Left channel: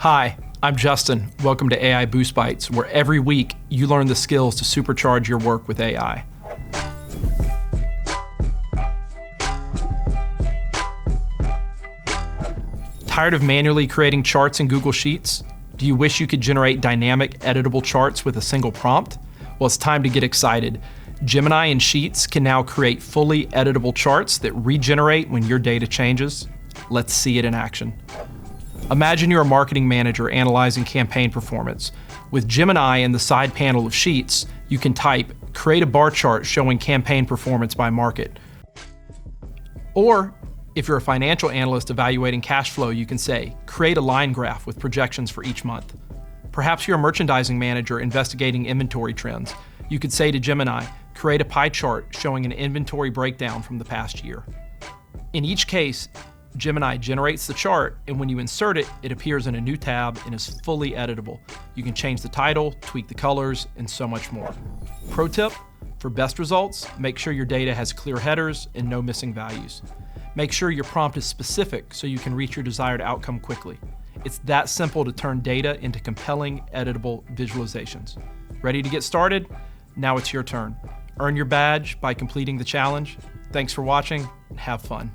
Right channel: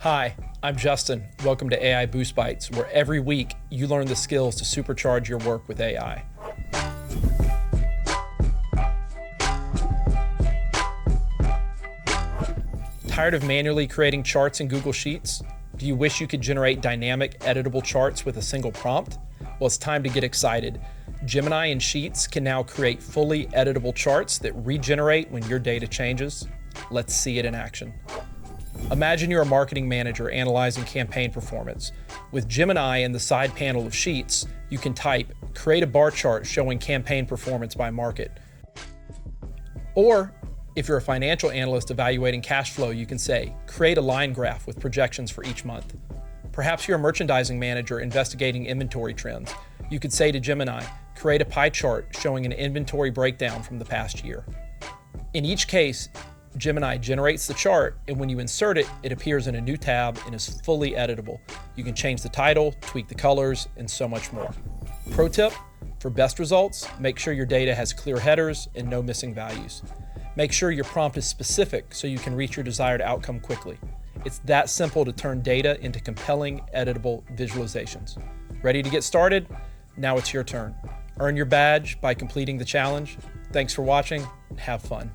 Hi, I'm Justin. Welcome to AI Boost Bites, where every week you learn the skills to supercharge your work with AI. Tired of manually creating charts in Google Sheets? Do you wish you could generate dynamic, editable charts with a single prompt? Well, it's time to get excited. Gemini and Sheets can now create fully editable charts that regenerate when your data changes. Let's see it in action. Imagine you're a marketing manager analyzing campaign performance. With Gemini in the side panel of Sheets, you can type, create a bar chart showing campaign performance by market. Or, if you're a financial analyst evaluating cash flow, you can say, create a line graph with projections for each month. Perhaps you're a merchandising manager investigating inventory trends. You could say to Gemini, create a pie chart showing an inventory breakdown from the past year. In each case, Gemini generates the chart, and when you insert it, it appears in a new tab and is fully editable. You can change the title, tweak the colors, and so much more. Pro tip, for best results, make sure your data has clear headers and no missing values. Make sure your prompt is specific so you can reach your desired outcome quickly. It's that simple to turn data into compelling, editable visualizations. Ready to get started? Now it's your turn. Earn your badge by completing the challenge. Thanks for watching, and have fun.